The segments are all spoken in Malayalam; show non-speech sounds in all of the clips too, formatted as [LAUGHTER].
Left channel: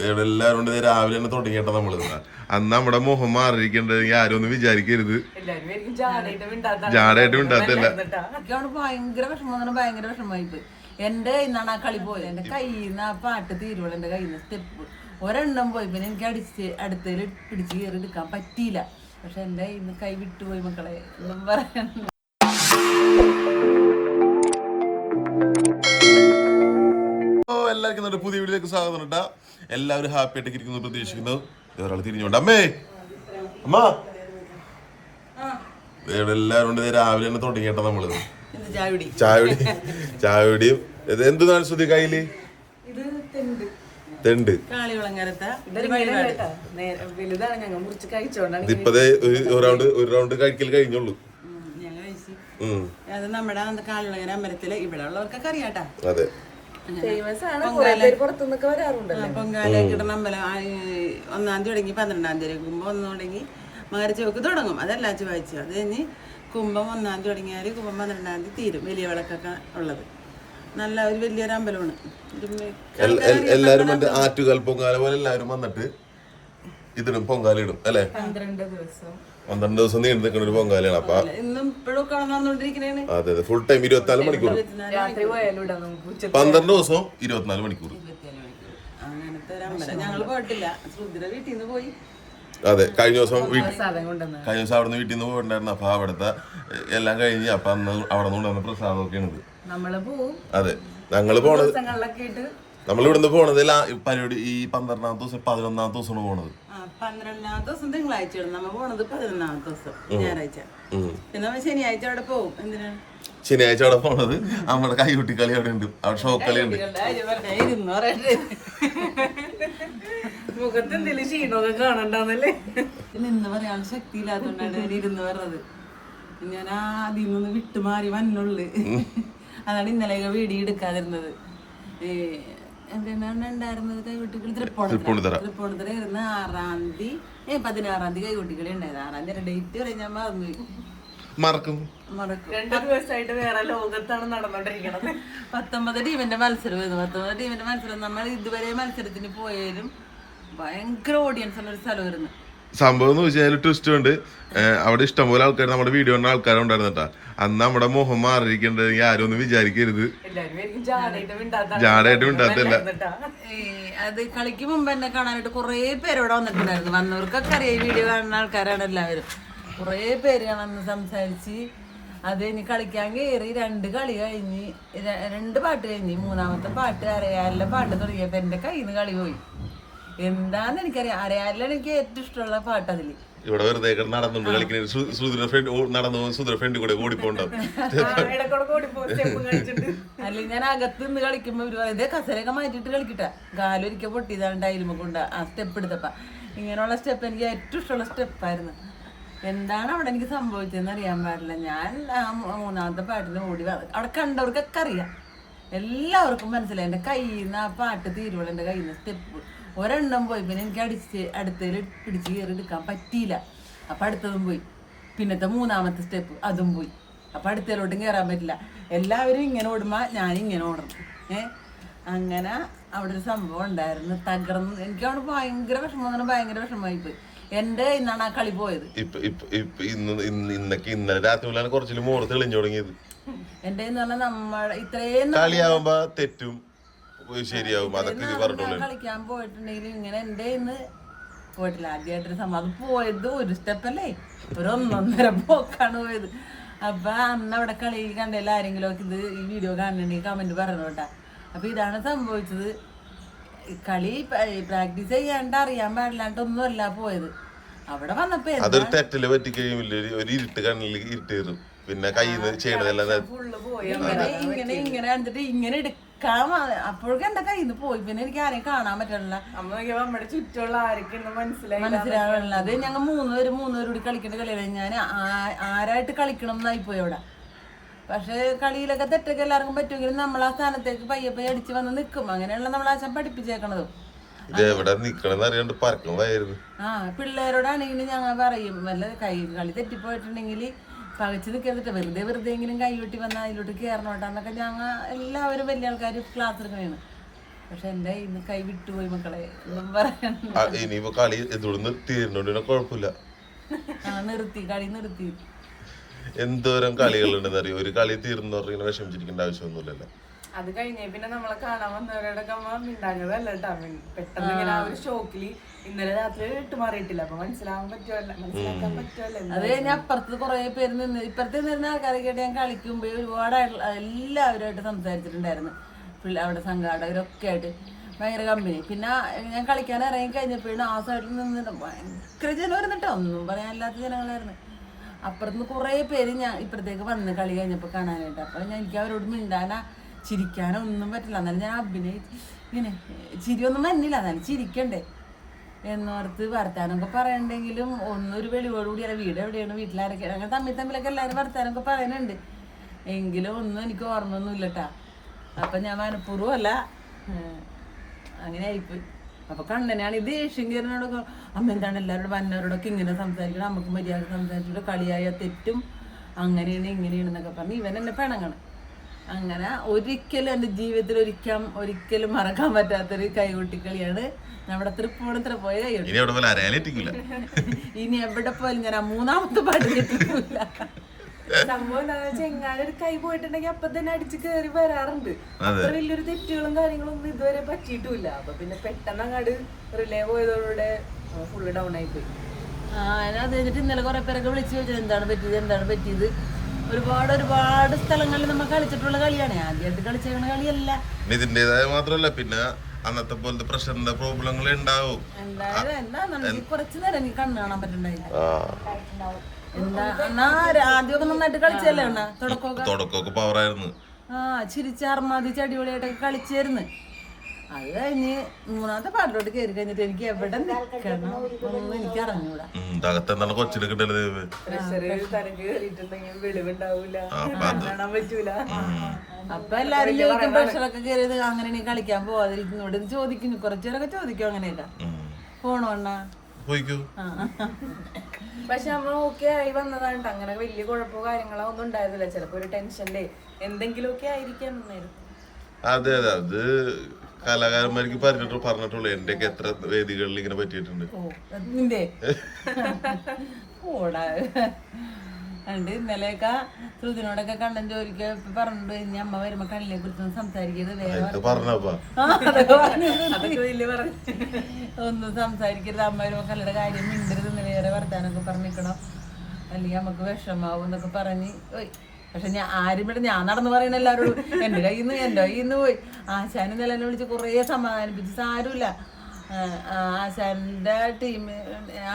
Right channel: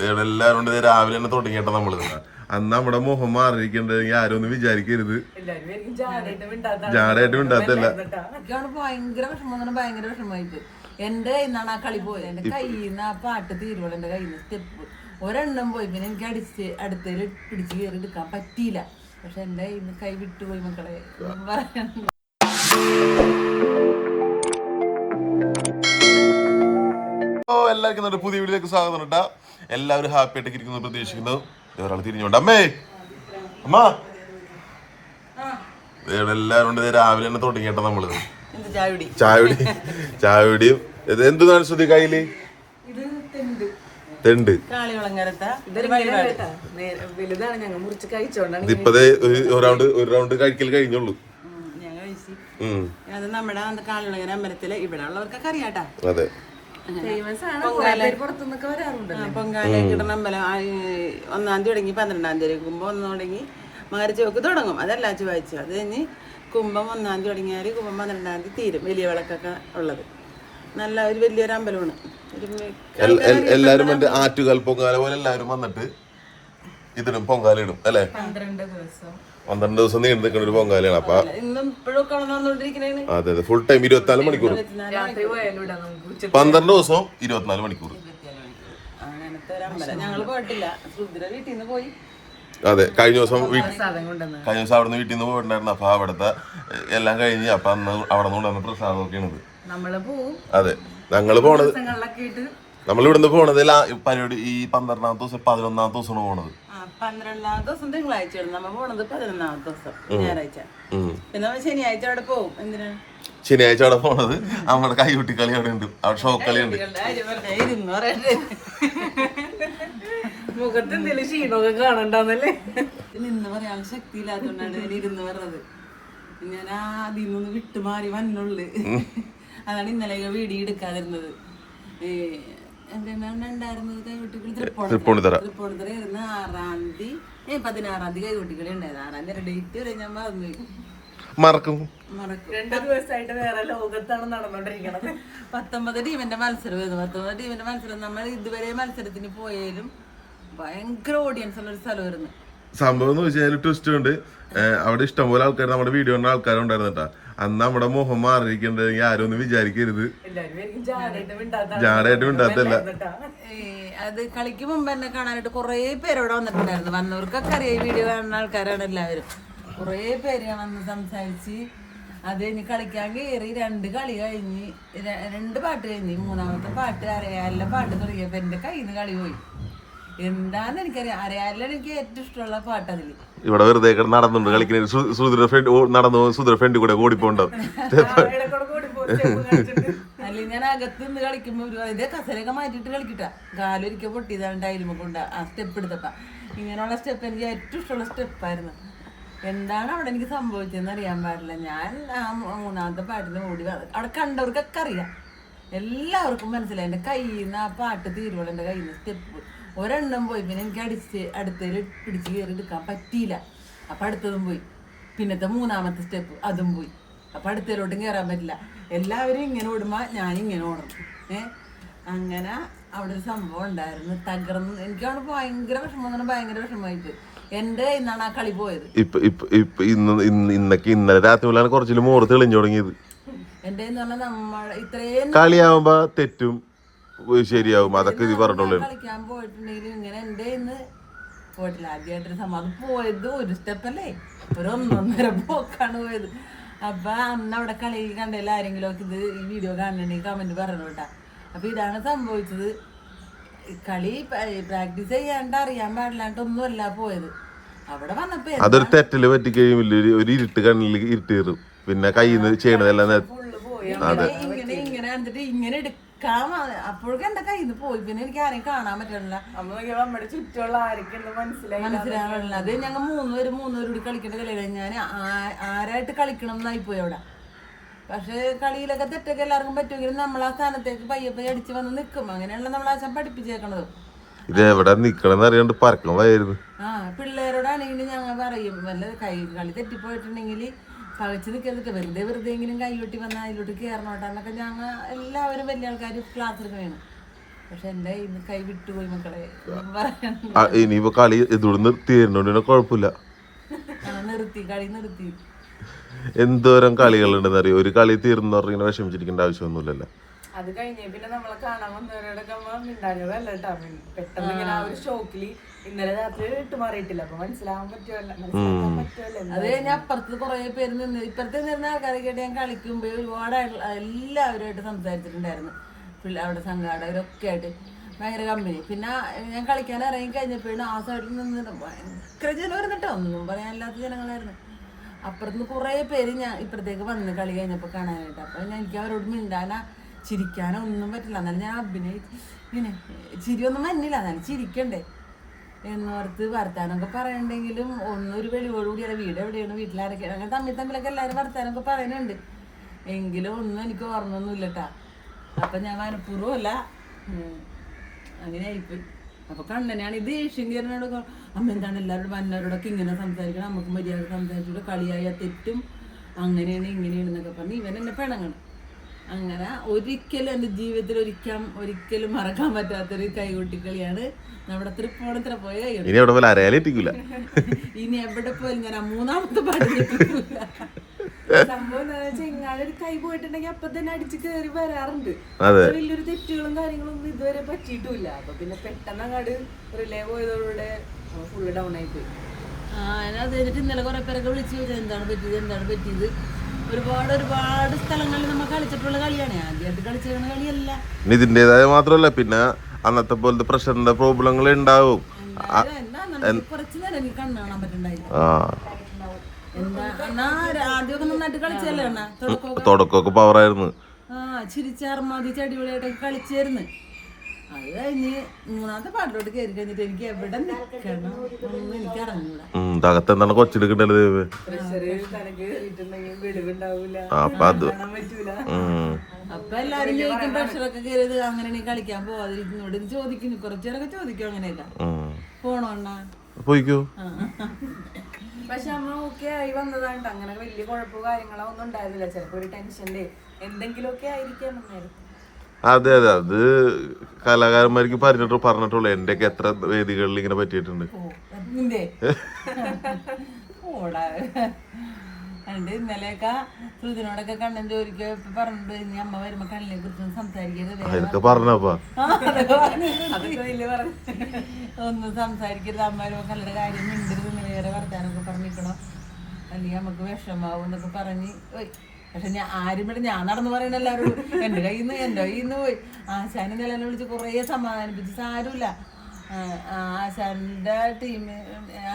ഇവിടെ എല്ലാവരും കൊണ്ട് രാവിലെ തന്നെ തുടങ്ങിയിട്ടാ നമ്മൾ. അന്ന് നമ്മുടെ മുഖം മാറിയിരിക്കണ്ടെങ്കിൽ ആരും ഒന്നും വിചാരിക്കരുത്. എല്ലാരും വിചാരിക്കും ജാടയായിട്ട് മിണ്ടാത്ത ജാടയായിട്ട് മിണ്ടാത്തല്ല ഭയങ്കര വിഷമം. ഭയങ്കര വിഷമമായിട്ട്. എന്റെ കയ്യിൽ നിന്നാണ് ആ കളി പോയത്. എന്റെ കയ്യിൽ നിന്ന് ആ പാട്ട് തീരുവോളം എന്റെ കയ്യിൽ നിന്ന് സ്റ്റെപ്പ്. ഒരെണ്ണം പോയി. പിന്നെ എനിക്ക് അടിച്ച് അടുത്തേൽ പിടിച്ച് കയറി എടുക്കാൻ പറ്റിയില്ല. പക്ഷെ എന്റെ കയ്യിൽ നിന്ന് കൈ വിട്ടുപോയി മക്കളെ പറയാൻ എല്ലാവർക്കും നമ്മുടെ പുതിയ വീഡിയോയിലേക്ക് സ്വാഗതം കേട്ടാ എല്ലാവരും ഹാപ്പി ആയിട്ട് ഇരിക്കുന്നു പ്രതീക്ഷിക്കുന്നു. ഒരാൾ തിരിഞ്ഞോണ്ട് അമ്മേ! അമ്മ! ഇവിടെ എല്ലാവരും ഉണ്ട്. രാവിലെ തന്നെ തുടങ്ങിയിട്ടാ നമ്മൾ. എന്ത് ചായടി. ചായ കുടി ചായ കുടിയും ഇത് എന്താണ് ശ്രുതി കയ്യിൽ? ഇത് തെണ്ട്. ഇതിപ്പതേ ഒരു ഒരു റൗണ്ട് ഒരു റൗണ്ട് കഴിക്കൽ കഴിഞ്ഞുള്ളൂ. ഞാൻ കഴിച്ചു. ഉം. അത് നമ്മുടെ കാളിവളങ്ങര അമ്പലത്തിൽ ഇവിടെ ഉള്ളവർക്കൊക്കെ അറിയാട്ടാ. അതെ. പുറത്തുനിന്നൊക്കെ വരാറുണ്ട് പൊങ്കാല കിടന്ന അമ്പലം ആ, ഈ ഒന്നാം തീയതി തുടങ്ങി പന്ത്രണ്ടാം തീയതി കുംഭം ഒന്ന് തുടങ്ങി. മകരച്ചോക്ക് തുടങ്ങും. അതല്ല ചൊവ്വാഴ്ച. അത് കഴിഞ്ഞ് കുംഭം ഒന്നാം തീയതി തുടങ്ങിയാൽ കുംഭം പന്ത്രണ്ടാം തീയതി തീരും. വലിയ വിളക്കൊക്കെ ഉള്ളത്. നല്ല ഒരു വലിയൊരു അമ്പലമാണ്. എല്ലാവരും ആറ്റുകാൽ പൊങ്കാല പോലെ എല്ലാവരും വന്നിട്ട് ഇതിടും പൊങ്കാല ഇടും അല്ലെ? പന്ത്രണ്ട് ദിവസം. പന്ത്രണ്ട് ദിവസം നീണ്ടു നിൽക്കുന്ന ഒരു പൊങ്കാലയാണ്. അപ്പൊ അതെ അതെ. ഫുൾ ടൈം ഇരുപത്തിനാല് മണിക്കൂർ പന്ത്രണ്ട് ദിവസം ഇരുപത്തിനാല് മണിക്കൂർ അതെ കഴിഞ്ഞ ദിവസം കഴിഞ്ഞ ദിവസം അവിടെ നിന്ന് വീട്ടിൽ നിന്ന് പോയിട്ടുണ്ടായിരുന്നു. അപ്പൊ അവിടുത്തെ എല്ലാം കഴിഞ്ഞ് അപ്പൊ അന്ന് അവിടെ നിന്ന് കൊണ്ടുവന്ന പോവും. അതെ ഞങ്ങൾ പോണത് നമ്മൾ ഇവിടുന്ന് പോണത് പരിപാടി ഈ പന്ത്രണ്ടാമത്തെ ദിവസം പതിനൊന്നാമത്തെ ദിവസമാണ് പോണത്. പന്ത്രണ്ടാം ദിവസം തിങ്കളാഴ്ചയാണ് നമ്മൾ പോണത് പതിനൊന്നാം ദിവസം ഞായറാഴ്ച. പിന്നെ ശനിയാഴ്ച അവിടെ പോകും എന്തിനാ? ശനിയാഴ്ച അവിടെ പോണത് നമ്മുടെ കൈകുട്ടി കളി അവിടെ ഉണ്ട്. അവിടെ ഷോക്ക് കളി ഉണ്ട് മുഖത്ത് എന്തെങ്കിലും ക്ഷീണമൊക്കെ കാണണ്ടാന്നല്ലേ? നിന്ന് പറയാൻ ശക്തി ഇല്ലാത്തോണ്ടാണ് ഞാൻ ഇരുന്ന് പറഞ്ഞത്. ഞാൻ ആദ്യം നിന്ന് വിട്ടുമാറി വന്നുള്ളു. അതാണ് ഇന്നലെ വീടി എടുക്കാതിരുന്നത്. ഉണ്ടായിരുന്നത്? തൃപ്പൂണിത്തറ. ഇരുന്ന് ആറാം തീയതി. പതിനാറാം തീയതി കൈകുട്ടികളെ ഉണ്ടായത്. ആറാം തീയതി ഡേറ്റ് വരെ ഞാൻ മറന്നു മറക്കും. രണ്ടു ദിവസമായിട്ട് വേറെ ലോകത്താണ് നടന്നോണ്ടിരിക്കണത് പത്തൊമ്പത് ടീമിന്റെ മത്സരമായിരുന്നു പത്തൊമ്പത് ടീമിന്റെ മത്സരം. നമ്മൾ ഇതുവരെ മത്സരത്തിന് പോയാലും ഭയങ്കര ഓഡിയൻസ് ഉള്ള ഒരു സ്ഥലമായിരുന്നു. സംഭവം എന്ന് വെച്ചാൽ ട്വിസ്റ്റ് ഉണ്ട്. അവിടെ ഇഷ്ടംപോലെ ആൾക്കാർ നമ്മുടെ വീഡിയോ കണ്ട ആൾക്കാരുണ്ടായിരുന്നു കേട്ടോ. അന്ന് നമ്മുടെ മുഖം മാറിയിരിക്കണ്ടെങ്കിൽ ആരും ഒന്നും വിചാരിക്കരുത്. ജാടായിട്ട് മിണ്ടാത്തല്ല അത് കളിക്ക് മുമ്പ് തന്നെ കാണാനായിട്ട് കുറേ പേര് ഇവിടെ വന്നിട്ടുണ്ടായിരുന്നു. വന്നവർക്കൊക്കെ അറിയാം ഈ വീഡിയോ കാണുന്ന ആൾക്കാരാണ് എല്ലാവരും. കുറേ പേര് കാണാന്ന് അന്ന് സംസാരിച്ച് അത് ഇനി കളിക്കാൻ കയറി രണ്ട് കളി കഴിഞ്ഞ് രണ്ട് പാട്ട് കഴിഞ്ഞ്. മൂന്നാമത്തെ പാട്ട് അരയാലിലെ പാട്ട് തുടങ്ങിയപ്പോ എന്റെ കയ്യിൽ നിന്ന് കളി പോയി. എന്താന്ന് എനിക്കറിയാം അരയാലിലാണ് എനിക്ക് ഏറ്റവും ഇഷ്ടമുള്ള പാട്ട് അതിൽ ഇവിടെ വെറുതെ നടന്നുണ്ട് കളിക്കുന്ന സുധീർ ഫ്രണ്ട് നടന്നു സുധീർ ഫ്രണ്ട് കൂടെ ഓടിപ്പോണ്ടാവും അല്ലെങ്കിൽ ഞാൻ അകത്ത് നിന്ന് കളിക്കുമ്പോ ഇവർ ഇതേ കസരൊക്കെ മാറ്റിയിട്ട് കളിക്കട്ട. കാലൊരിക്കൽ പൊട്ടിയതാണ് ടൈലുമ കൊണ്ട് ആ സ്റ്റെപ്പ് എടുത്തപ്പ. ഇങ്ങനെയുള്ള സ്റ്റെപ്പ് എനിക്ക് ഏറ്റവും ഇഷ്ടമുള്ള സ്റ്റെപ്പായിരുന്നു. എന്താണ് അവിടെ എനിക്ക് സംഭവിച്ചതെന്ന് അറിയാൻ പാടില്ല. ഞാൻ ആ മൂന്നാമത്തെ പാട്ടിന് ഓടി അവിടെ കണ്ടവർക്കൊക്കെ അറിയാം. എല്ലാവർക്കും മനസ്സിലായി. എന്റെ കയ്യിൽ നിന്ന് ആ പാട്ട് തീരുവോളം എന്റെ കയ്യിൽ നിന്ന് സ്റ്റെപ്പ് ഒരെണ്ണം പോയി. പിന്നെ എനിക്ക് അടിച്ച് അടുത്തതിൽ പിടിച്ച് കയറി എടുക്കാൻ പറ്റിയില്ല. അപ്പം അടുത്തതും പോയി. പിന്നത്തെ മൂന്നാമത്തെ സ്റ്റെപ്പ് അതും പോയി. അപ്പം അടുത്തതിലോട്ടും കയറാൻ പറ്റില്ല. എല്ലാവരും ഇങ്ങനെ ഓടുമ്പോൾ ഞാൻ ഇങ്ങനെ ഓടണം ഏ? അങ്ങനെ അവിടെ ഒരു സംഭവം ഉണ്ടായിരുന്നു. തകർന്ന് എനിക്ക് അവിടെ ഭയങ്കര വിഷമം ഭയങ്കര വിഷമമായി പോയി എന്റെ ഇന്നാണ് ആ കളി പോയത്. ഇന്നൊക്കെ ഇന്നലെ രാത്രി കുറച്ചിൽ മോറ് തെളിഞ്ഞു തുടങ്ങിയത്. എന്റെ എന്ന് പറഞ്ഞാൽ നമ്മൾ ഇത്രയും കളിയാവുമ്പോ തെറ്റും ശരിയാവും. അതൊക്കെ ഇത് പറഞ്ഞോളൂ. കളിക്കാൻ പോയിട്ടുണ്ടെങ്കിലും ഇങ്ങനെ ഇന്ന് പോയിട്ടില്ല. ആദ്യമായിട്ടൊരു അത് പോയത് ഒരു സ്റ്റെപ്പല്ലേ? ഒരു ഒന്നൊന്നര പോക്കാണ് പോയത്. അപ്പൊ അന്ന് അവിടെ കളി കണ്ടതിൽ ആരെങ്കിലും ഒക്കെ ഇത് ഈ വീഡിയോ കാണുന്നുണ്ടെങ്കിൽ കമന്റ് പറഞ്ഞു കേട്ടാ. അപ്പൊ ഇതാണ് സംഭവിച്ചത്. കളി പ്രാക്ടീസ് ചെയ്യാണ്ട് അറിയാൻ പാടില്ലാണ്ടൊന്നുമല്ല പോയത്. അവിടെ വന്നപ്പോ അതൊരു തെറ്റിൽ പറ്റിക്കഴിയുമില്ല. ഒരു ഇരുട്ട് കണ്ണിൽ ഇരുട്ട് കയറും. പിന്നെ കയ്യിൽ നിന്ന് ചെയ്യണതെല്ലാം ഇങ്ങനെ ഇങ്ങനെ ഇങ്ങനെ കണ്ടിട്ട് ഇങ്ങനെ അപ്പോഴൊക്കെ എന്തൊക്കെ ഇത് പോയി. പിന്നെ എനിക്ക് ആരെയും കാണാൻ പറ്റണില്ല. നമ്മുടെ ചുറ്റുള്ള ആരൊക്കെയെന്ന് മനസ്സിലായി മനസ്സിലാവണില്ല. അത് ഞങ്ങൾ മൂന്ന് പേര് മൂന്ന് പേര് കൂടി കളിക്കേണ്ട കളിയാണ് ഞാൻ ആരായിട്ട് കളിക്കണം എന്നായി പോയി അവിടെ. പക്ഷെ കളിയിലൊക്കെ തെറ്റൊക്കെ എല്ലാവർക്കും പറ്റുമെങ്കിലും നമ്മൾ ആ സ്ഥാനത്തേക്ക് പയ്യെ പയ്യെ അടിച്ച് വന്ന് നിൽക്കും അങ്ങനെയുള്ള നമ്മൾ ആശം പഠിപ്പിച്ചേക്കണത്. എവിടെ നിക്കണം അറിയാണ്ട് പറക്കണം വയറുന്നു ആ പിള്ളേരോടാണെങ്കിലും ഞങ്ങൾ പറയും. വല്ല കൈ കളി തെറ്റിപ്പോയിട്ടുണ്ടെങ്കിൽ പകച്ച് നിൽക്കരുതിട്ട് വെറുതെ വെറുതെ എങ്കിലും കൈ വെട്ടി വന്നാൽ അതിലോട്ട് കയറണോട്ടാന്നൊക്കെ ഞങ്ങൾ എല്ലാവരും വലിയ ആൾക്കാർ ക്ലാസ് എടുക്കണേണ്. പക്ഷെ എന്റെ ഇന്ന് കൈ വിട്ടുപോയി മക്കളെ ഇനിയിപ്പോ കളി ഇതോട് നിർത്തിയിരുന്നോണ്ട് കുഴപ്പമില്ല ആ നിർത്തി കളി നിർത്തി. എന്തോരം കളികളുണ്ടെന്ന് അറിയോ ഒരു കളി തീർന്നു പറഞ്ഞാൽ വിഷമിച്ചിരിക്കേണ്ട ആവശ്യമൊന്നുമില്ലല്ലോ. അത് കഴിഞ്ഞേ പിന്നെ നമ്മളെ കാണാൻ വന്നവരോടൊക്കെ മിണ്ടാഞ്ഞതല്ല കേട്ടോ പെട്ടെന്ന് ഇങ്ങനെ ആ ഒരു ഷോക്കിൽ ഇന്നലെ രാത്രി ഇട്ട് മാറിയിട്ടില്ല. അപ്പൊ മനസ്സിലാവാൻ പറ്റുമല്ല മനസ്സിലാക്കാൻ പറ്റുമല്ലോ അത് കഴിഞ്ഞ അപ്പുറത്ത് കുറെ പേര് നിന്ന് ഇപ്പുറത്ത് നിന്ന കേട്ട് ഞാൻ കളിക്കുമ്പോ ഒരുപാട് എല്ലാവരുമായിട്ട് സംസാരിച്ചിട്ടുണ്ടായിരുന്നു. അവിടെ സംഘാടകരൊക്കെ ആയിട്ട്. ഭയങ്കര കമ്പനി പിന്നെ ഞാൻ കളിക്കാൻ ഇറങ്ങി കഴിഞ്ഞപ്പോഴാണ് ആ സൈഡിൽ നിന്നിട്ട് ഭയങ്കര ജനം വരുന്നിട്ടോ ഒന്നും പറയാനില്ലാത്ത ജനങ്ങളായിരുന്നു. അപ്പുറത്തുനിന്ന് കുറേ പേര് ഞാൻ ഇപ്പുറത്തേക്ക് വന്ന് കളി കഴിഞ്ഞപ്പോൾ കാണാനായിട്ട്. അപ്പോൾ ഞാൻ എനിക്ക് അവരോട് മിണ്ടാനാ ചിരിക്കാനോ ഒന്നും പറ്റില്ല. എന്നാലും ഞാൻ അഭിനയിച്ച് ഇങ്ങനെ ചിരിയൊന്നും വന്നില്ല. എന്നാലും ചിരിക്കണ്ടേ. എന്നോർത്ത് വർത്താനമൊക്കെ പറയണ്ടെങ്കിലും ഒന്നൊരു വെളിവോടുകൂടിയല്ല വീട് എവിടെയാണ്? വീട്ടിലാരൊക്കെയാണ് അങ്ങനെ തമ്മിൽ തമ്മിലൊക്കെ എല്ലാവരും വർത്താനമൊക്കെ പറയുന്നുണ്ട്. എങ്കിലും ഒന്നും എനിക്ക് ഓർമ്മയൊന്നും ഇല്ലട്ടാ. അപ്പം ഞാൻ മനഃപൂർവം അല്ല ഉം, അങ്ങനെ ആയിപ്പോയി. അപ്പൊ കണ്ണനാണ് ഇത് ഏഷ്യൻ ദേഷ്യങ്കരനോട് അമ്മ എന്താണ് എല്ലാവരോടും വന്നവരോടൊക്കെ ഇങ്ങനെ സംസാരിക്കണം നമുക്ക് മര്യാദ സംസാരിച്ചിട്ട് കളിയായ തെറ്റും അങ്ങനെയാണ് ഇങ്ങനെയാണ് എന്നൊക്കെ പറഞ്ഞ് ഇവൻ എന്നെ പിണങ്ങണം. അങ്ങനെ ഒരിക്കലും എന്റെ ജീവിതത്തിൽ ഒരിക്കലും ഒരിക്കലും മറക്കാൻ പറ്റാത്തൊരു കൈകൊട്ടിക്കളിയാണ് നമ്മുടെ തൃപ്പൂണിത്ര പോയ കൈകൊട്ടി. ഇനി എവിടെ പോയാലും ഞാൻ ആ മൂന്നാമത്തെ പാടില്ല സംഭവം എന്താണെന്ന് വെച്ചാൽ എങ്ങാനും ഒരു കൈ പോയിട്ടുണ്ടെങ്കിൽ അപ്പൊ തന്നെ അടിച്ച് കയറി വരാറുണ്ട്. വലിയൊരു തെറ്റുകളും കാര്യങ്ങളും ഒന്നും ഇതുവരെ പറ്റിയിട്ടില്ല. അപ്പൊ പിന്നെ പെട്ടെന്ന് അങ്ങോട്ട് റിലേ പോയതോടെ ഫുള്ള് ഡൗൺ ആയി പോയി. ആ അത് കഴിഞ്ഞിട്ട് ഇന്നലെ കുറെ പേരൊക്കെ വിളിച്ചു ചോദിച്ചത് എന്താണ് പറ്റിയത് എന്താണ് പറ്റിയത്? ഒരുപാട് ഒരുപാട് സ്ഥലങ്ങളിൽ നമ്മൾ കളിച്ചിട്ടുള്ള കളിയാണ്. ആദ്യമായിട്ട് കളിച്ചിരുന്ന കളിയല്ല. ഇതിന്റെതായ മാത്രമല്ല പിന്നെ അന്നത്തെ പോലത്തെ പ്രഷറിന്റെ പ്രോബ്ലങ്ങൾ ഉണ്ടാവും. കുറച്ച് നേരം എനിക്ക് കണ്ണ് കാണാൻ പറ്റണ്ടായില്ല. ആ. എന്താ എന്നാ ആദ്യമൊക്കെ നന്നായിട്ട് കളിച്ചല്ലേ അണ്ണാ തുടക്കമൊക്കെ? പവറായിരുന്നു ആ ചിരിച്ചാർമാതി അടിപൊളിയായിട്ടൊക്കെ കളിച്ചായിരുന്നു അത് കഴിഞ്ഞ് മൂന്നാമത്തെ പാട്ടിലോട്ട് കയറി കഴിഞ്ഞിട്ട് എനിക്ക് എവിടെ നിൽക്കണം ഒന്നും എനിക്ക് അറിഞ്ഞൂടാ. ഉം, തകത്ത് എന്താണ് കൊച്ചെടുക്കണ്ടല്ലോ പ്രഷർ തനക്ക് കയറിയിട്ടുണ്ടെങ്കിൽ വെളിവുണ്ടാവൂല. ആ, അപ്പൊ എല്ലാരും ചോദിക്കും പ്രഷറൊക്കെ കയറിയത് അങ്ങനെ കളിക്കാൻ പോവാതിരിക്കുന്നോട് ഇത് ചോദിക്കുന്നു കുറച്ചേരൊക്കെ ചോദിക്കും അങ്ങനെയൊക്കെ. പോണോ അണ്ണാ? പോയിക്കോ. പക്ഷെ നമ്മൾ ഓക്കെ ആയി വന്നതാണ് അങ്ങനെ വലിയ കുഴപ്പമോ കാര്യങ്ങളോ ഒന്നും ഉണ്ടായിരുന്നില്ല. ചിലപ്പോ ഒരു ടെൻഷന്റെ എന്തെങ്കിലുമൊക്കെ ആയിരിക്കാം അതെ അതെ. അത് കലാകാരന്മാർക്ക് പറഞ്ഞിട്ട് പറഞ്ഞിട്ടുള്ളൂ. എന്റെയൊക്കെ എത്ര വേദികളിൽ ഇങ്ങനെ പറ്റിയിട്ടുണ്ട്. ഇന്നലെയൊക്കെ ശ്രുതിനോടൊക്കെ കണ്ണൻ ജോലിക്ക് പറഞ്ഞിട്ട് ഇനി അമ്മ വരുമ്പോ കണ്ണിനെ കുറിച്ചൊന്നും സംസാരിക്കരുത് ഒന്നും സംസാരിക്കരുത് അമ്മ വരുമ്പോ കല്ലുടെ കാര്യം മിണ്ടരുത് വേറെ വർത്താനൊക്കെ പറഞ്ഞിരിക്കണം. അല്ലെങ്കിൽ നമുക്ക് വിഷമാവും എന്നൊക്കെ പറഞ്ഞ് പക്ഷെ ഞാൻ ആരും ഇവിടെ ഞാൻ നടന്ന് പറയുന്ന എല്ലാവരോടും എന്റെ കയ്യിൽ നിന്ന് എന്റെ കയ്യിൽ നിന്ന് പോയി. ആശാനും നിലനെ വിളിച്ച് കുറേ സമാധാനിപ്പിച്ച് സാരമില്ല ആശാന്റെ ടീം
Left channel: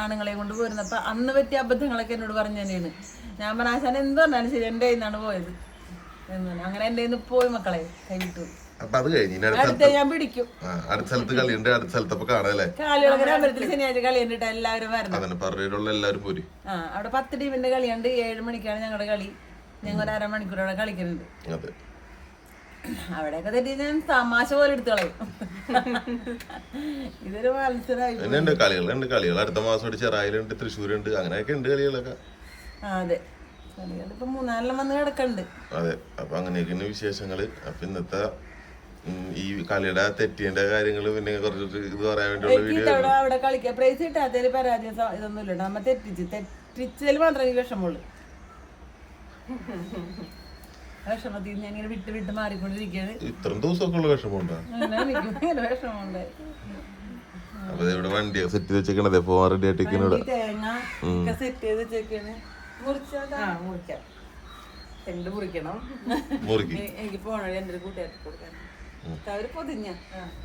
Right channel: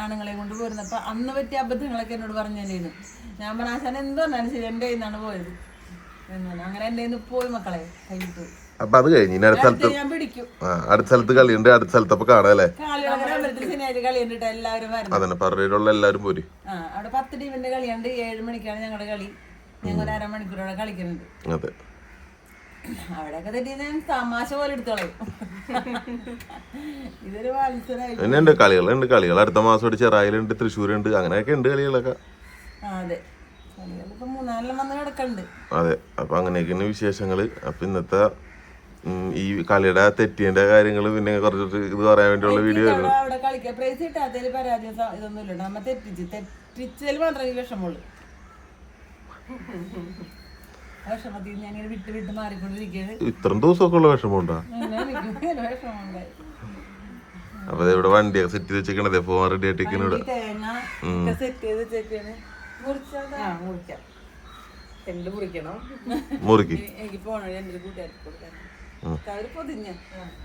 ആണുങ്ങളെ കൊണ്ട് പോരുന്നപ്പോൾ അന്ന് പറ്റിയ അബദ്ധങ്ങളൊക്കെ എന്നോട് പറഞ്ഞു തന്നെയാണ്. ഞാൻ പറഞ്ഞ ആശാൻ എന്ത് പറഞ്ഞാലും ശരി എന്റെ കയ്യിൽ നിന്നാണ് പോയത്. എന്നാണ് അങ്ങനെ എന്റെ കയ്യിൽ നിന്ന് പോയി മക്കളെ കഴിഞ്ഞിട്ട്. അപ്പൊ അത് കഴിഞ്ഞ് അടുത്ത സ്ഥലത്ത് കളിയുണ്ട്. അടുത്ത സ്ഥലത്ത് അപ്പൊ കാണാല്ലേ എല്ലാവരും അതന്നെ പറഞ്ഞിട്ടുള്ള എല്ലാരും പോര്. അവിടെ പത്ത് ടീമിന്റെ കളിയുണ്ട്. ഏഴ് മണിക്കാണ് ഞങ്ങളുടെ കളി. ഞങ്ങൾ ഒരു അരമണിക്കൂറോടെ കളിക്കുന്നുണ്ട് അതെ. അവിടെയൊക്കെ ഞാൻ തമാശ പോലെ എടുത്തു കളയും. ഇതൊരു മത്സരമായി പിന്നെ ഉണ്ട് കളികളുണ്ട് കളികൾ അടുത്ത മാസം ചെറായിലുണ്ട് തൃശ്ശൂരുണ്ട് അങ്ങനെയൊക്കെ ഉണ്ട് കളികളൊക്കെ. അതെ. അതെ. അപ്പൊ അങ്ങനെയൊക്കെയാണ് വിശേഷങ്ങൾ. അപ്പൊ ഇന്നത്തെ ഈ കളിയുടെ തെറ്റിന്റെ കാര്യങ്ങൾ പിന്നെ കുറച്ച് ഇത് പറയാൻ വേണ്ടിയുള്ള വീഡിയോ അവിടെ അവിടെ പ്രൈസ് കിട്ടാത്തതിൽ പരാജയം സ- ഇതൊന്നും ഇല്ല നമ്മ തെറ്റിച്ച് തെറ്റിച്ചതിൽ മാത്രമേ വിഷമമുള്ളൂ. വിഷമത്തിൽ നിന്ന് ഞാനിങ്ങനെ വിട്ട് വിട്ട് മാറിക്കൊണ്ടിരിക്കുകയാണ്. ഇത്രയും ദിവസമൊക്കെ ഉള്ള വിഷമമുണ്ടോ? അപ്പൊ ഇവിടെ വണ്ടിയൊക്കെ സെറ്റ് ചെയ്ത് വെച്ചേക്കണത് പോവാൻ റെഡി ആയിട്ടിരിക്കണ ഇവിടെ. സെറ്റ് ചെയ്ത് വെച്ചേക്കാണ്. മുറിച്ചാ ആ മുറിക്കാം. രണ്ട് മുറിക്കണം. മുറുക്കി. എനിക്ക് പോണ എന്റെ കൂട്ടുകാർക്ക് കൊടുക്കണം അവർ പൊതിഞ്ഞ.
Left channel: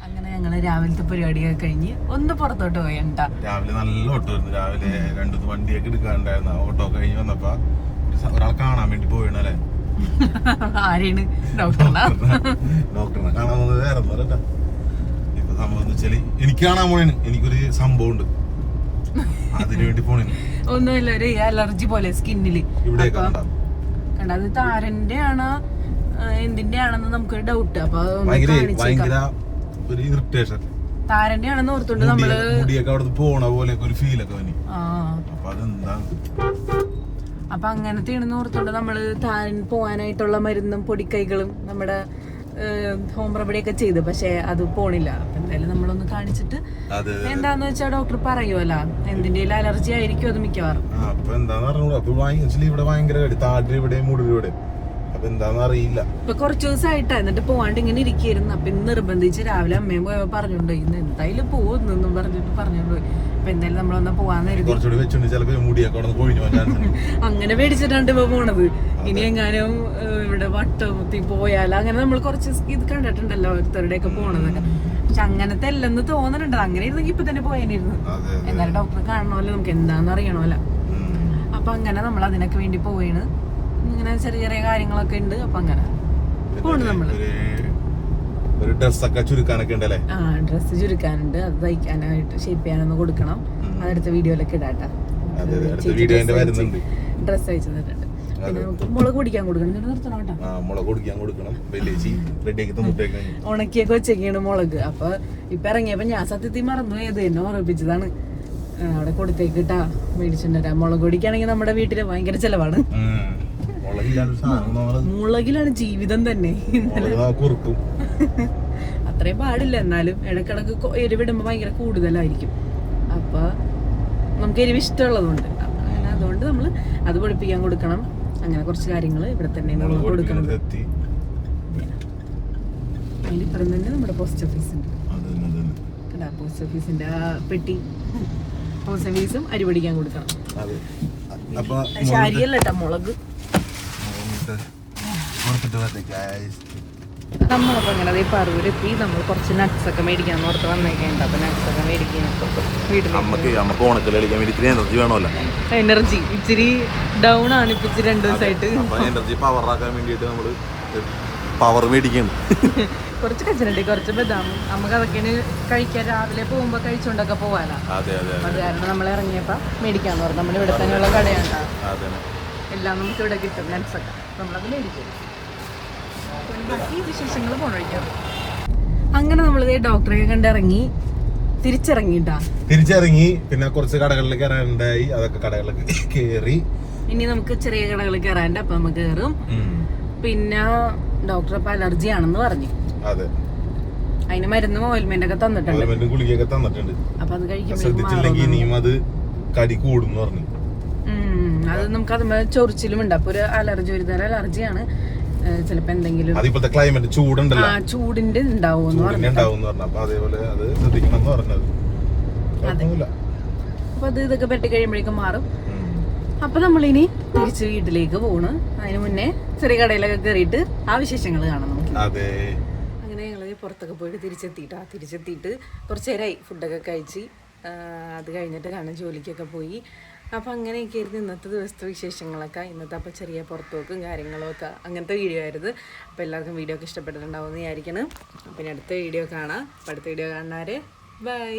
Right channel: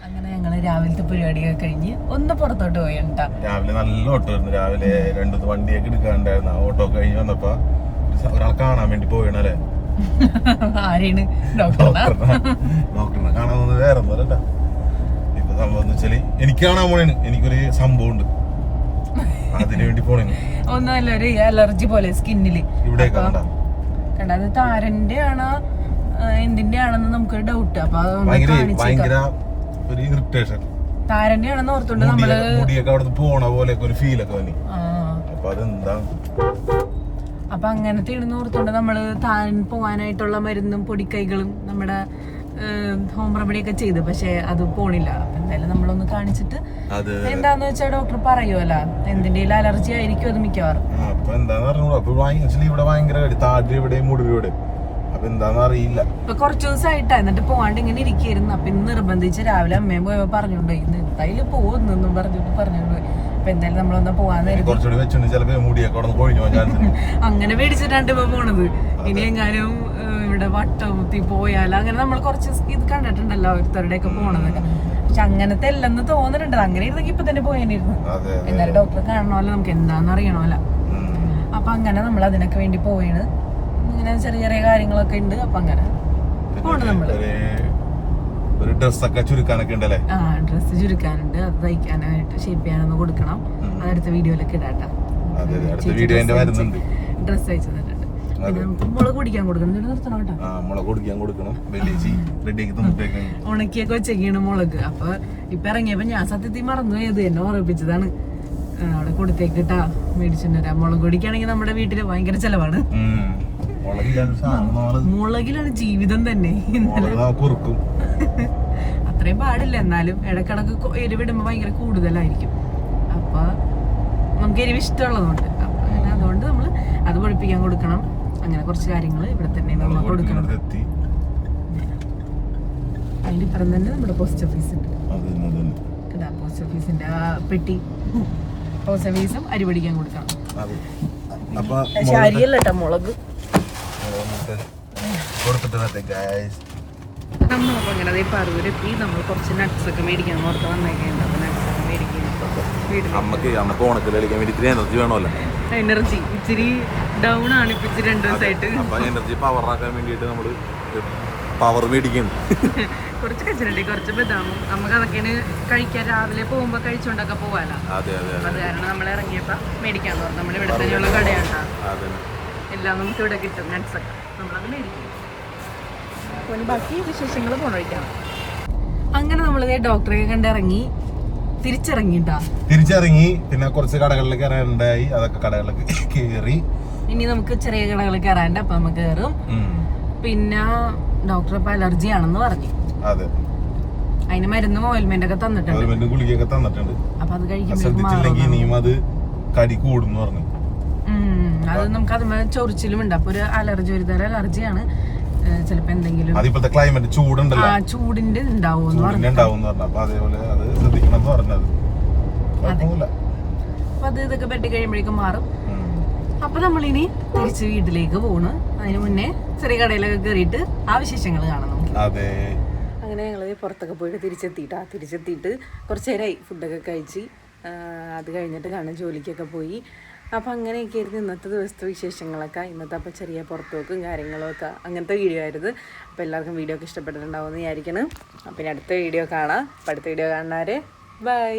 അങ്ങനെ ഞങ്ങൾ രാവിലത്തെ പരിപാടിയൊക്കെ കഴിഞ്ഞ് ഒന്ന് പുറത്തോട്ട് പോയണ്ടാ രാവിലെ നല്ല ഓട്ടോ ആയിരുന്നു രാവിലെ രണ്ടു വണ്ടിയൊക്കെ എടുക്കാണ്ടായിരുന്നു ആ ഓട്ടോ കഴിഞ്ഞ് വന്നപ്പോ ഒരു സ- ഒരാളെ കാണാൻ വേണ്ടി പോവുകയാണ് അല്ലേ? ആരെയാണ് ഡോക്ടറാ ഡോക്ടറിനെ കാണാൻ വേറെ ഒന്നുമല്ല ഇപ്പൊ സംഭവം വെച്ചാൽ എനിക്ക് കാണാൻ പോയാണ് എനിക്കൊരു സംഭവം ഉണ്ട് അതിനു വേണ്ടി പോണേന്. ഒന്നുമല്ല ഒരു അലർജി പോലെ സ്കിന്നിൽ. ഇവിടെ കണ്ടത് താരന്റെ ആണോ എന്തിന്റെ ആണെന്ന് നമുക്കൊരു ഡൗട്ട് അപ്പൊ ഭയങ്കര ഒരു ഇറിറ്റേഷൻ താരന്റെ ആണെന്ന് ഓർത്തോണ്ട് നമ്മൾ മുടിയൊക്കെ പോണ പോലെ ഒരു ഫീലൊക്കെ വന്നി. ആ. അപ്പൊ അതെന്താ അപ്പൊ അങ്ങനത്തെ ആണെന്ന് ഓർത്തോണ്ട് നമ്മൾ താൻ പോവാനായിട്ടുള്ള മരുന്നും പൊടിക്കൈകളും നമ്മുടെ ഹോം റെമഡി ഒക്കെ ചെയ്ത്. പക്ഷെ അത് പോണില്ല. അപ്പൊ എന്തായാലും നമ്മളൊന്ന് കാണിച്ചിട്ട് എന്താന്ന് വെച്ചാൽ ഡോക്ടർ പറയുമല്ലോ എന്തിന്റെ അലർജി ആയിരിക്കും അത് മിക്കവാറും. അപ്പൊ എന്താന്ന് അറിഞ്ഞൂടാ അപ്പൊ ഭയങ്കര ഇവിടെ ഭയങ്കര കടി താടി ഇവിടെ മുടി ഇവിടെ അപ്പൊ എന്താന്ന് അറിയില്ല. ഇപ്പൊ കുറച്ചു ദിവസമായിട്ടാ എന്നിട്ട് പോവാണ്ട് ഇങ്ങനെ ഇരിക്കായിരുന്നു. അപ്പൊ ഇന്ന് നിർബന്ധിച്ച് രാവിലെ അമ്മയും പോയപ്പോ പറഞ്ഞോണ്ട് ഇന്ന് എന്തായാലും പോകുന്നു പറഞ്ഞിട്ട് പറഞ്ഞോണ്ട്. പോയി അപ്പൊ എന്തായാലും നമ്മളൊന്ന് പോവാന്ന് കരുതി. [LAUGHS] അങ്ങനെ പേടിച്ചിട്ടാണ്ട് ഇപ്പൊ പോണത്. ഇനി എങ്ങാനും ഇവിടെ വട്ടത്തി പോയാലോ അങ്ങനെ നമ്മൾ കുറച്ച് ഇത് കണ്ടിട്ടുണ്ടല്ലോ ഓരോരുത്തരുടെ ഒക്കെ പോണതൊക്കെ. പക്ഷെ അങ്ങനത്തെ അല്ലെന്ന് തോന്നുന്നുണ്ട് അങ്ങനെ ഇരുന്നെങ്കിൽ ഇപ്പൊ തന്നെ പോയേണ്ടിരുന്നു എന്നാലും ഡോക്ടറെ കാണണമല്ലോ നമുക്ക് എന്താന്ന് അറിയണമല്ലോ. അപ്പൊ അങ്ങനെ നമ്മൾ അതിനൊക്കെ വേണ്ടി പോയാണ് ഇങ്ങനെ ചെറിയ ചെറിയ കാര്യങ്ങളൊക്കെ ഉണ്ട്. അപ്പൊ അങ്ങനെ പോണ് നമ്മൾ. ഒരു- ഒരു ഡ്രസ്സൊക്കെ ചുരുക്കാനൊക്കെ ഉണ്ടല്ലേ? ആ ഡ്രസ്സ് ചുരുക്കാനുണ്ട്. അത് തയ്ക്കാനായിട്ട് ഷേപ്പ് ചെയ്യാനൊന്ന് കൊടുക്കണം. അടുത്ത വീഡിയോയിലൊക്കെ ഇടാട്ടാ. ഡ്രസ് ഡ്രസ്സ് അയച്ചു തന്നിട്ടുണ്ട്. പിന്നെ നമുക്ക് മുളക് പൊടിക്കാൻ കൊടുക്കണം. നിർത്തണം കേട്ടോ. മുളക് പൊടിക്കാൻ കൊടുക്കണം. ഉണക്കിയൊക്കെ വെച്ചേക്കാണ് മുളക്. അപ്പൊ ഇപ്പൊ ഇറങ്ങിയപ്പോ ഞാൻ സത്യത്തിൽ മറന്നു ഇത് എന്നെ ഓർമ്മിപ്പിച്ചതാണ്. അവിടെ കൊടുത്തേക്ക് കേട്ടാ മേടിച്ചിട്ട് മുളക് പൊടിക്കാണെങ്കിൽ നമ്മുടെ വീട്ടിൽ ഭയങ്കര ചെലവാണ്. മുളകിലാണ് ജീവിതം തന്നെ. ഇന്നലെ [LAUGHS] അത്രയും പാടില്ല. എന്നാലും ഇടക്കിടക്ക് എരിവിടുമ്പോ ഭയങ്കര കൂടുതലായിരിക്കും. അപ്പൊ നമുക്ക് എരിവ് ഇഷ്ടമുള്ളതുകൊണ്ട്. അങ്ങനെ അതുകൊണ്ട് നമ്മൾ അത് പൊളിപ്പിക്കാൻ കൊടുക്കണം. അങ്ങനെ കുറച്ച് കാര്യങ്ങൾ ഇവിടെ തന്നെ നമ്മൾ കൊടുക്കണം. അതിന്റെ ഇപ്പുറം തന്നെ നമ്മുടെ പോസ്റ്റ് ഓഫീസ് ഉണ്ട്. പോസ്റ്റ് ഓഫീസിന്റെ ആ പെട്ടി. പോസ്റ്റ് ഓഫീസും അരി പിടിക്കാൻ കൊടുക്കണം. അരിയല്ല കേട്ടോ മുളക്. മുളക് കൊടുത്തിട്ട് വരട്ടെ ഗായ്സ് നമ്മളപ്പോ അങ്ങനെ അതേ പറവൂരെത്തി. നമ്മൾ കുറച്ച് നട്ട്സ് ഒക്കെ മേടിക്കാൻ ഓർത്ത് വന്നേക്കുന്നുണ്ട് അപ്പൊ നട്ട്സ് ഒക്കെ മേടിക്കാൻ വീട്ടിൽ നമുക്ക് അമ്മയ്ക്ക് ഓണക്കൽ കളിക്കാൻ വേണ്ടി ഇത്തിരി എനർജി വേണമല്ലോ. എനർജി ഇച്ചിരി ഡൗൺ ആണ് ഇപ്പൊ ഇച്ചിരി രണ്ടു ദിവസമായിട്ട് അപ്പൊ എനർജി പവർ ആക്കാൻ വേണ്ടിയിട്ട് നമ്മൾ പവർ മേടിക്കുന്നു. [LAUGHS] കുറച്ച് കച്ചനുണ്ട് കുറച്ച് ബദാമും. നമുക്ക് അതൊക്കെയാണ് കഴിക്കാൻ. രാവിലെ പോകുമ്പോ കഴിച്ചോണ്ടൊക്കെ പോവാലോ. അതെ അതെ അത് കാരണം നമ്മൾ ഇറങ്ങിയപ്പോ മേടിക്കാന്ന് പറഞ്ഞു. നമ്മൾ ഇവിടെ തന്നെയുള്ള കടയാണ്ടാ അതെ എല്ലാം നമുക്ക് ഇവിടെ കിട്ടും. നട്ട്സ് ഒക്കെ. നമ്മളത് മേടിക്കും. അപ്പോൾ ബാക്കി വിശേഷങ്ങൾ പോണൊഴിക്കാം അങ്ങനെ നമ്മൾ ഡോക്ടറെ കണ്ടിറങ്ങി. തിരിച്ചിറങ്ങിട്ടാ. തിരിച്ചിറങ്ങി. പിന്നെ കുറച്ച് കടകളിൽ കയറാനുണ്ടായി. അതൊക്കെ കടകളിലൊക്കെ കയറി. ഇനി നമുക്ക് ചെറിയ കടകളിൽ കയറാണ്ട് അപ്പൊ നമ്മൾ കയറും. പിന്നെ ഡോക്ടർ ഇപ്പൊ അലർജി ആണെന്ന് പറഞ്ഞു. അതെ. അതിന് മരുന്നും ഓയിൽമെന്റ് ഒക്കെ തന്നിട്ടുണ്ട്. ഗുളികയൊക്കെ തന്നിട്ടുണ്ട്. അപ്പൊ അത് കഴിക്കുമ്പോഴേക്കും കടി കൂടും എന്ന് പറഞ്ഞു. അത് നമുക്ക് അത് ചൊറിച്ചിലും ഉണ്ട് അപ്പൊ ഒരു അലർജി ഒരു തരം അലർജിയാണ്. ചിലപ്പോ എന്തെങ്കിലും അതിപ്പോഴത്തെ ക്ലൈമറ്റ് ചൂടുണ്ടല്ലോ. ആ ചൂടിന്റെ ഉണ്ടാവും പറഞ്ഞു ഉണ്ടാവും എന്ന് പറഞ്ഞു അപ്പൊ അതേപോലെ അത് ഇതൊക്കെ പെട്ടി കഴിയുമ്പോഴേക്കും മാറും. അപ്പൊ നമ്മളിനി തിരിച്ച് വീട്ടിലേക്ക് പോണ്. അതിന് മുന്നേ ചെറിയ കടയിലൊക്കെ കയറിയിട്ട് ആ വിശേഷങ്ങൾ കാണാം നമുക്ക്. അതെ. അങ്ങനെ ഞങ്ങൾ പുറത്തൊക്കെ പോയിട്ട് തിരിച്ചെത്തിയിട്ടാ. തിരിച്ചെത്തിയിട്ട് കുറച്ച് നേരമായി ഫുഡൊക്കെ കഴിച്ച് അത് കഴിഞ്ഞിട്ട് കാണാൻ ജോലിക്കൊക്കെ പോയി. അപ്പം അങ്ങനെയൊക്കെ ആയിരുന്നു ഇന്നത്തെ ദിവസത്തെ വിശേഷങ്ങളൊക്കെ. ഇന്നത്തെ അപ്പോൾ ചെറിയ പുറത്തുപോക്കും കാര്യങ്ങളൊക്കെ അങ്ങനത്തെ വീഡിയോ ആയിരുന്നു. അപ്പോൾ എല്ലാവർക്കും വീഡിയോ ഒക്കെ ഇഷ്ടപ്പെട്ടിട്ടുണ്ടാവുമെന്ന് വിചാരിക്കണം അപ്പം ഇനി അടുത്ത വീഡിയോ കാണാം. അപ്പം അടുത്ത വീഡിയോ കാണാറ് ബൈ